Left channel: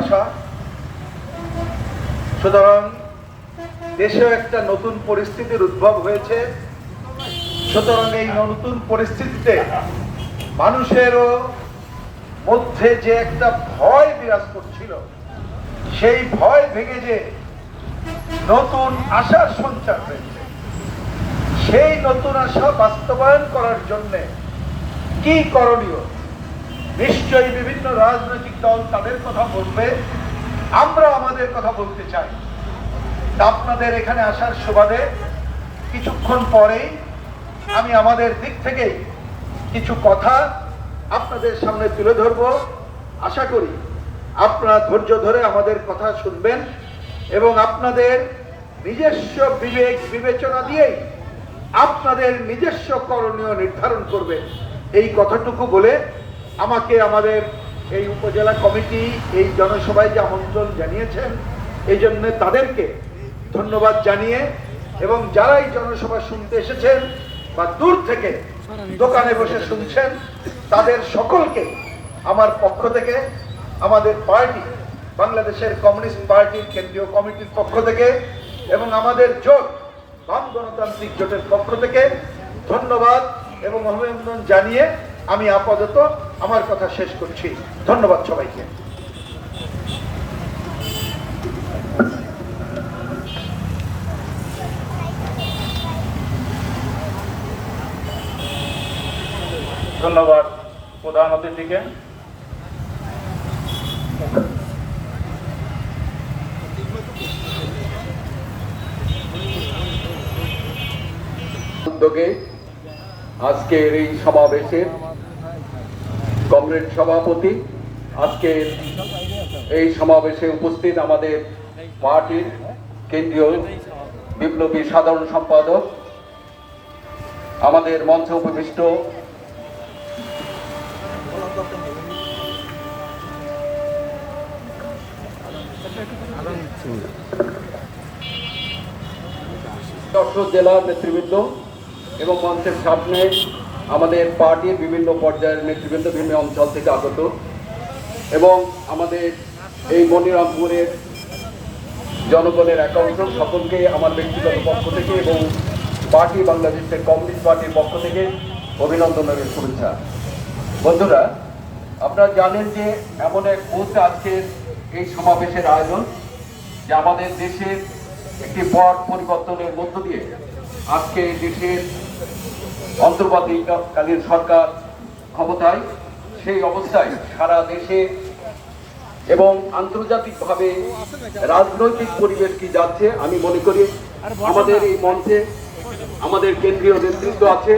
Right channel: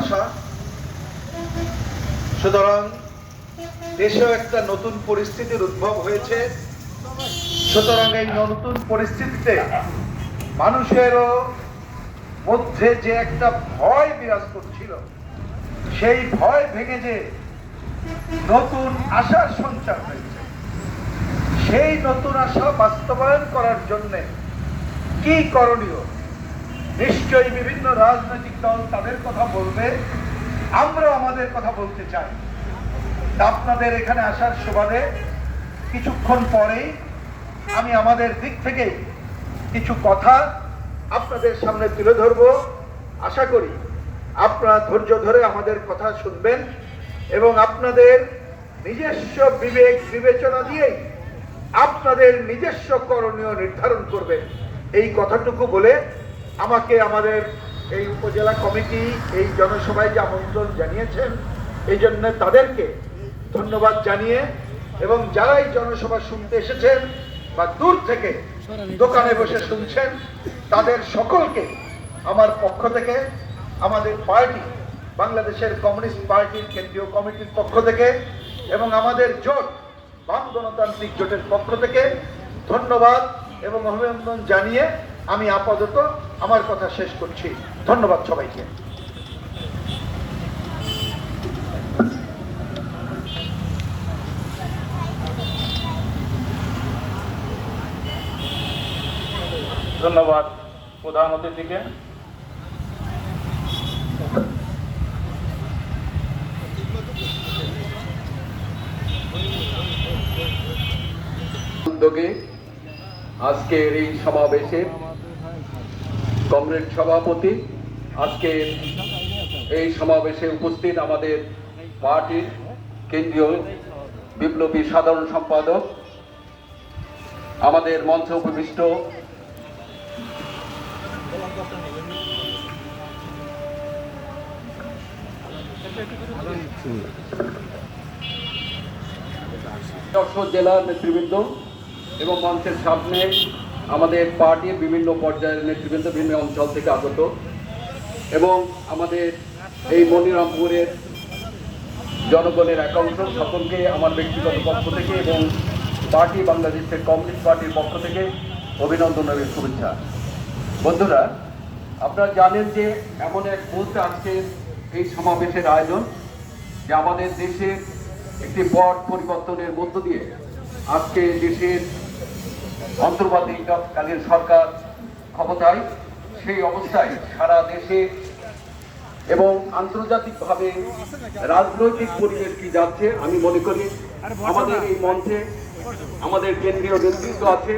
আসা, সুতরাং দেশেও একটা নতুন পরিস্থিতির উদ্ভব হয়েছে। সুতরাং এই নতুন পরিস্থিতিতে মানুষেরও মধ্যে যে একটা ভয় বিরাজ করছিল, সেই ভয় ভেঙে যে নতুন আশার সঞ্চার হয়েছে, সেই নতুন আশা বাস্তবায়ন করার জন্য কি করণীয়, নিশ্চয়ই বিভিন্ন রাজনৈতিক দল তাদের কথা বলবে, আমরা আমাদের কথা বলতে চাই। আপনাদের এখানে আসার সুবাদে কিছুক্ষণ পরেই আমি আমাদের দিক থেকে কিছু কথা আপনাদের সামনে তুলে ধরব। আশা করি আপনারা ধৈর্য ধরে আমাদের কথা শুনবেন এবং আপনাদের নিজস্ব বিবেক বিবেচনা দিয়েই আপনাদের নিজস্ব করণীয় নির্ধারণ করবেন। এই কথাটুকু বলে আমাকে আমাদের এই উপজেলা কমিটি এই জনসভায় যে আমন্ত্রণ জানিয়েছেন, এই জন্য তাদেরকে ধন্যবাদ জানিয়ে এবং যারা এই জনসভা শুনতে এসেছেন বা দূর থেকে দোকানে বসে শুনছেন, তাদের সকলকে আমার পক্ষ থেকে, আমাদের পার্টি বাংলাদেশের কমিউনিস্ট পার্টির কেন্দ্রীয় কমিটির পক্ষ থেকে এবং আমাদের জোট বাম গণতান্ত্রিক জোটের পক্ষ থেকে ধন্যবাদ এবং অভিনন্দন জানিয়ে আমি আপাতত আমার কথা শেষ করছি। ধন্যবাদ সবাইকে। ধন্যবাদ প্রধান অতিথিকে। উদ্যোগে আজকের এই সমাবেশে কমরেড সভাপতি, আজকে এই সমাবেশে উপস্থিত আমাদের পার্টির কেন্দ্রীয় বিপ্লবী সাধারণ সম্পাদক, আমাদের মঞ্চে উপবিষ্ট জেলার নেতৃবৃন্দ এবং মঞ্চের সামনে আমাদের পার্টির বিভিন্ন পর্যায়ের নেতৃবৃন্দ বিভিন্ন অঞ্চল থেকে আগত এবং আমাদের এই মনিরামপুরের জনগণের একাংশ, সকলকে আমার ব্যক্তিগত পক্ষ থেকে এবং পার্টি বাংলাদেশের কমিউনিস্ট পার্টির পক্ষ থেকে অভিনন্দনের শুভেচ্ছা। বন্ধুরা, আপনারা জানেন যে এমন এক মুহূর্তে আজকে এই সমাবেশের আয়োজন, যে আমাদের দেশের একটি পট পরিবর্তনের মধ্য দিয়ে আজকে দেশের অন্তর্বর্তীকালীন সরকার ক্ষমতায়। সেই অবস্থায় সারা দেশে এবং আন্তর্জাতিকভাবে রাজনৈতিক পরিবেশ কি যাচ্ছে, আমি মনে করি আমাদের এই মঞ্চে আমাদের কেন্দ্রীয় নেতৃত্ব আছে,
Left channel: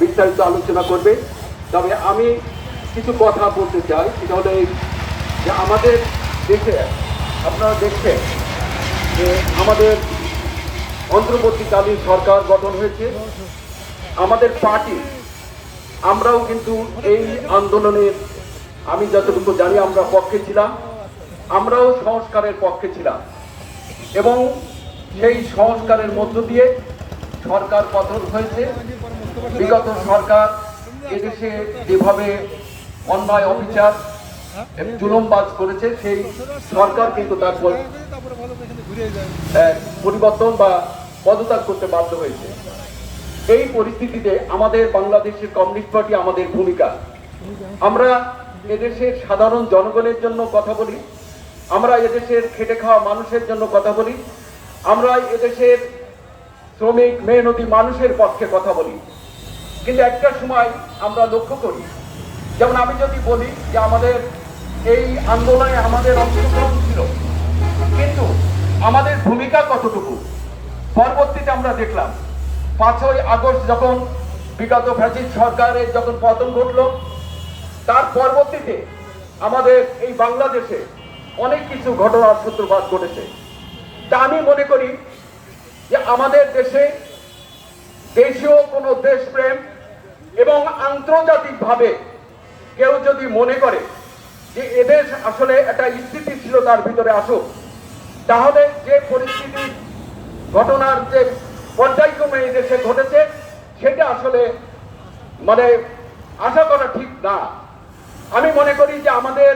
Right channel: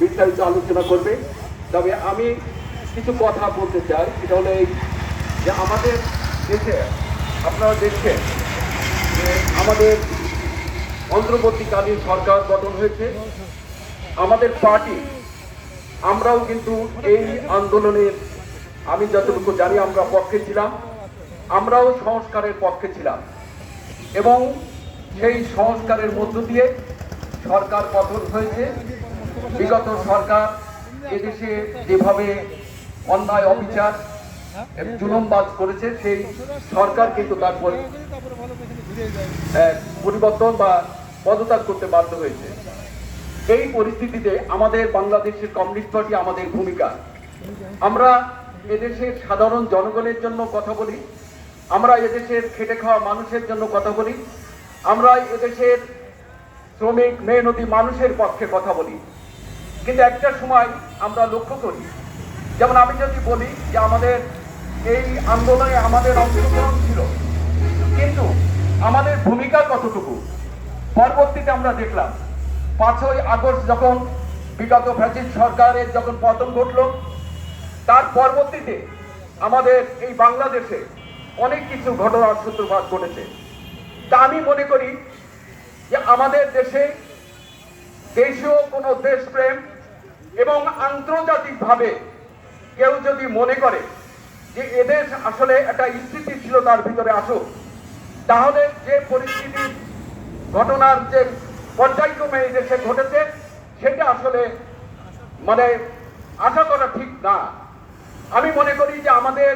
বিস্তারিত আলোচনা করবে। তবে আমি কিছু কথা বলতে চাই, সেটা হলো এই যে আমাদের দেশে আপনারা দেখছেন যে আমাদের অন্তর্বর্তীকালীন সরকার গঠন হয়েছে। আমাদের পার্টি আমরাও কিন্তু এই আন্দোলনের, আমি যতটুকু জানি আমরা পক্ষে ছিলাম, আমরাও সংস্কারের পক্ষে ছিলাম এবং সেই সংস্কারের মধ্য দিয়ে সরকার গঠন হয়েছে। বিগত সরকার এদেশে যেভাবে অন্যায় অবিচার জুলুমবাজ করেছে, সেই সরকার কিন্তু তারপর পরিবর্তন বা পদত্যাগ করতে বাধ্য হয়েছে। এই পরিস্থিতিতে আমাদের বাংলাদেশের কমিউনিস্ট পার্টি, আমাদের ভূমিকা, আমরা এদেশের সাধারণ জনগণের জন্য কথা বলি, আমরা এদেশের খেটে খাওয়া মানুষের জন্য কথা বলি, আমরা এদেশের শ্রমিক মেহনতি মানুষের পক্ষে কথা বলি। কিন্তু একটা সময় আমরা লক্ষ্য করি, যেমন আমি যদি বলি যে আমাদের এই আন্দোলনে আমাদের অংশগ্রহণ ছিল, কিন্তু আমাদের ভূমিকা কতটুকু পরবর্তীতে আমরা দেখলাম। 5ই আগস্ট যখন বিগত ফ্যাসিস্ট সরকারের যখন পতন ঘটল, তার পরবর্তীতে আমাদের এই বাংলাদেশে অনেক কিছু ঘটনার সূত্রপাত ঘটেছে। তা আমি মনে করি যে আমাদের দেশে দেশীয় কোনো দেশপ্রেম এবং আন্তর্জাতিকভাবে কেউ যদি মনে করে যে এদেশ আসলে একটা স্থিতিশীলতার ভিতরে আসুক, তাহলে যে পরিস্থিতি ঘটনার যে পর্যায়ক্রমে এই দেশে ঘটেছে, সেটা আসলে মানে আশা করা ঠিক না। আমি মনে করি যে আমাদের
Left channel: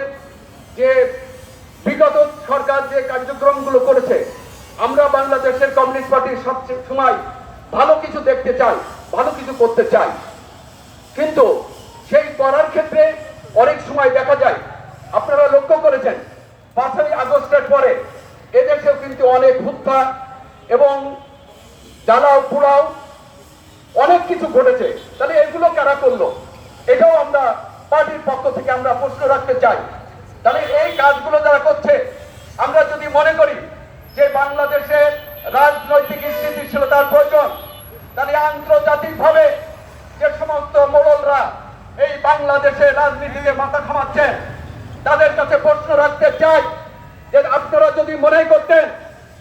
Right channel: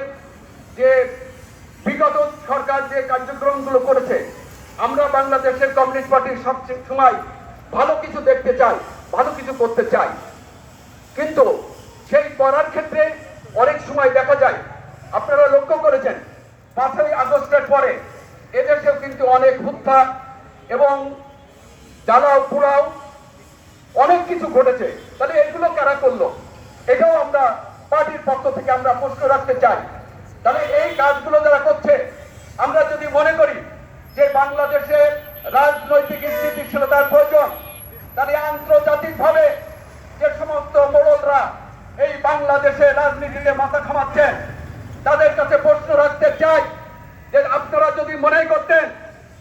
যে বিগত সরকার যে কার্যক্রমগুলো করেছে, আমরা বাংলাদেশের কমিউনিস্ট পার্টির সবচেয়ে সময় ভালো কিছু দেখতে চাই, ভালো কিছু করতে চাই, কিন্তু সেই করার ক্ষেত্রে অনেক সময় দেখা যায়, আপনারা লক্ষ্য করেছেন 5ই আগস্টের পরে এদেশেও কিন্তু অনেক হত্যা এবং জ্বালাও পোড়াও অনেক কিছু ঘটেছে। তাহলে এগুলো কারা করলো? এটাও আমরা পার্টির পক্ষ থেকে আমরা প্রশ্ন রাখতে চাই। তাহলে এই কাজগুলো যারা করছে, আমরা যদি মনে করি যে বাংলাদেশের রাজনৈতিক স্থিতিশীলতার প্রয়োজন, তাহলে আন্তর্জাতিকভাবে যে সমস্ত মোড়লরা এই বাংলাদেশের রাজনীতিতে মাথা ঘামাচ্ছেন, তাদের কাছে প্রশ্ন রাখতে চাই যে আপনারা যদি মনে করতেন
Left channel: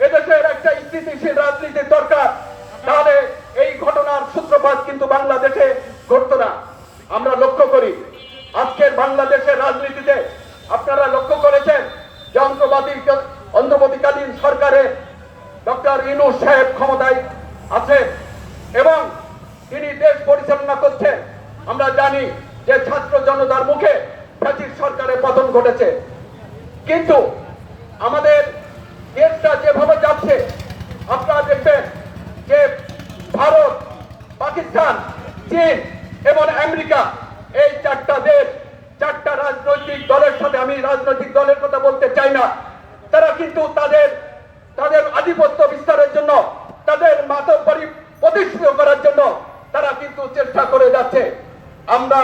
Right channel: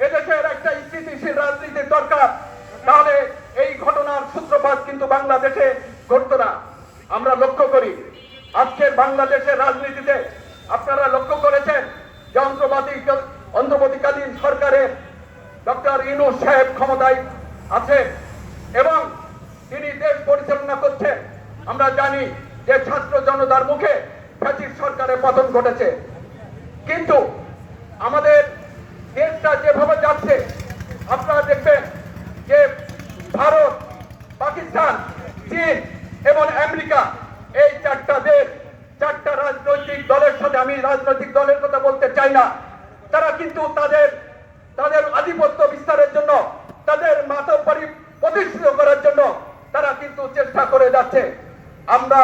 এদেশের একটা স্থিতিশীল রাজনীতির দরকার, তাহলে এই ঘটনার সূত্রপাত কিন্তু বাংলাদেশে ঘটতো না। আমরা লক্ষ্য করি আজকের বাংলাদেশের রাজনীতিতে আপনারা লক্ষ্য করেছেন যে অন্তর্বর্তীকালীন সরকারের ডক্টর ইউনূস সাহেব ক্ষমতায় আছে এবং তিনি দেশ পরিচালনা করছেন। আমরা জানি যে ছাত্র জনতার মুখে ফ্যাসিস্ট সরকারের পতন ঘটেছে, কিন্তু আমাদের দেশটা যেভাবে যাচ্ছে আপনারা দেখবেন যে ভারত, পাকিস্তান, চীন এবং আমেরিকা, এই 4টা দেশ, 4টা রাজনৈতিক দলের সাথে, আমি রাজনৈতিক দলের কথা বলতে চাই না, তারা কিন্তু তাদের আধিপত্য বিস্তারের জন্য, তাদের মাতব্বরি প্রতিষ্ঠিত করার জন্য তারা কিন্তু চেষ্টা করে যাচ্ছে। আমরা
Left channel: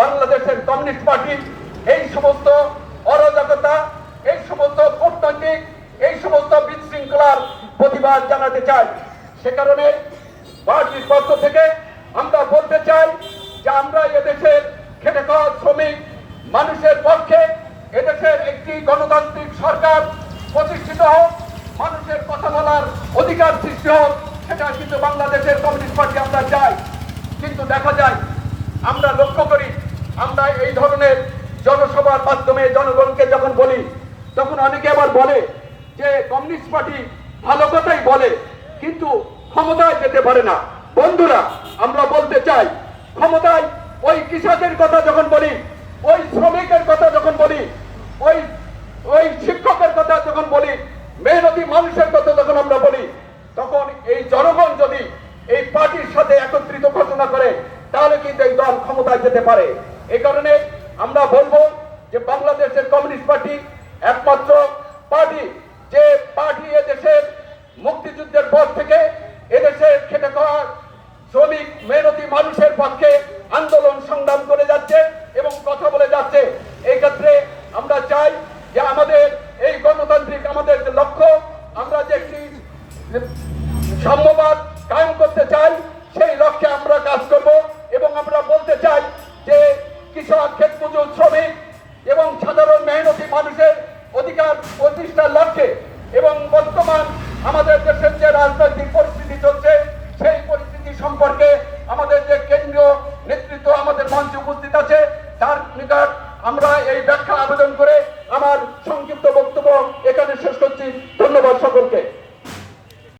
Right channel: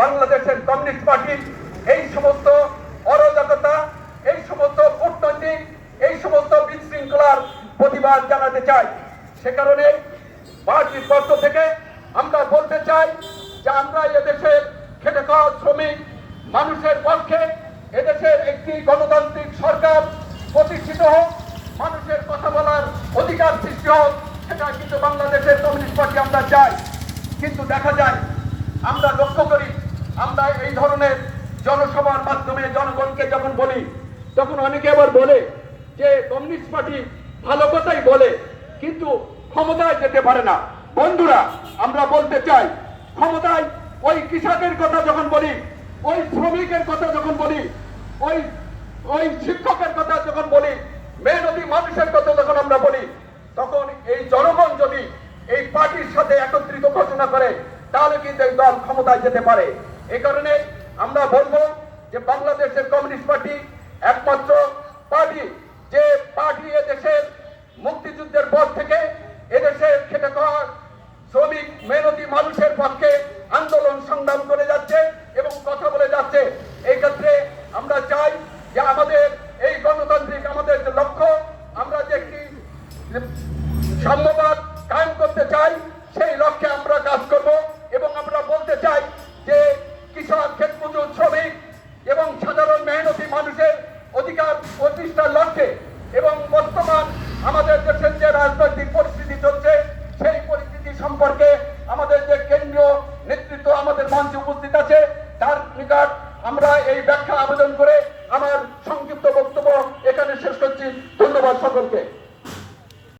বাংলাদেশের কমিউনিস্ট পার্টি এই সমস্ত অরাজকতা, এই সমস্ত কূটনৈতিক, এই সমস্ত বিশৃঙ্খলার প্রতিবাদ জানাতে চাই। সে কারণে পার্টির পক্ষ থেকে আমরা বলতে চাই যে আমরা এদেশের খেটে খাওয়া শ্রমিক মানুষের পক্ষে এদেশের একটি গণতান্ত্রিক সরকার প্রতিষ্ঠিত হোক, মানুষের কথা বলার অধিকার সৃষ্টি হোক, সেটা কিন্তু বাংলাদেশের কমিউনিস্ট পার্টি আমরা চাই। কিন্তু দেখা যায়, আমরা লক্ষ্য করি, আমরা এই ধরনের জনসভার মাধ্যমে জনগণকে যখন বলি, তখন অনেকে আবার বলে যে কমিউনিস্ট পার্টি ভালো কথাই বলে কিন্তু ক্ষমতায় যেতে পারে না। বন্ধুরা, আমরা বলতে চাই, ক্ষমতায় ওই কৃষকের কথা যখন বলি, ওই শ্রমিকের কথা যখন বলি, ওই শিক্ষকের কথা যখন বলি, মেহনতি মানুষের কথা যখন আমরা বলি, তখন এই জনগণ যদি এই পার্টির সাথে একত্রিত ঘোষণা করে, তাহলে কিন্তু এই দল ক্ষমতায় যেতে পারে। এই কারণে আমরা বলবো যে বাংলাদেশের কমিউনিস্ট পার্টি একমাত্র পার্টি, যে পার্টি এদেশের মুক্তিযুদ্ধের পর থেকে এদেশের খেটে খাওয়া শ্রমিক মেহনতি মানুষের পক্ষে আন্দোলন সংগ্রাম করে যাচ্ছে এবং কথা বলে যাচ্ছে। এই ক্ষেত্রে আমরা চাই যে আমাদের এই গণতান্ত্রিক আমাদের যে লক্ষ্য, আমরা যে একটি সাম্যবাদ কায়েম করতে চাই, সেই লক্ষ্যে আমরা কাজ করব এবং আমরা বলতে চাই যে কৃষক, ক্ষেতমজুর, শ্রমিক এবং সাধারণ মেহনতি মানুষের অধিকার প্রতিষ্ঠার লক্ষ্যে এবং বর্তমান আমাদের দেশের যে রাজনৈতিক পরিস্থিতি চলছে, সেই পরিস্থিতি সম্পর্কে আমাদের যে কেন্দ্রীয় নেতৃত্ব আমাদের মঞ্চে উপস্থিত আছে, তার নিকট আমরা এই ব্যাখ্যা আবেদন করে আমার সংক্ষিপ্ত বক্তব্য এখানে শেষ করছি। ধন্যবাদ সকলকে।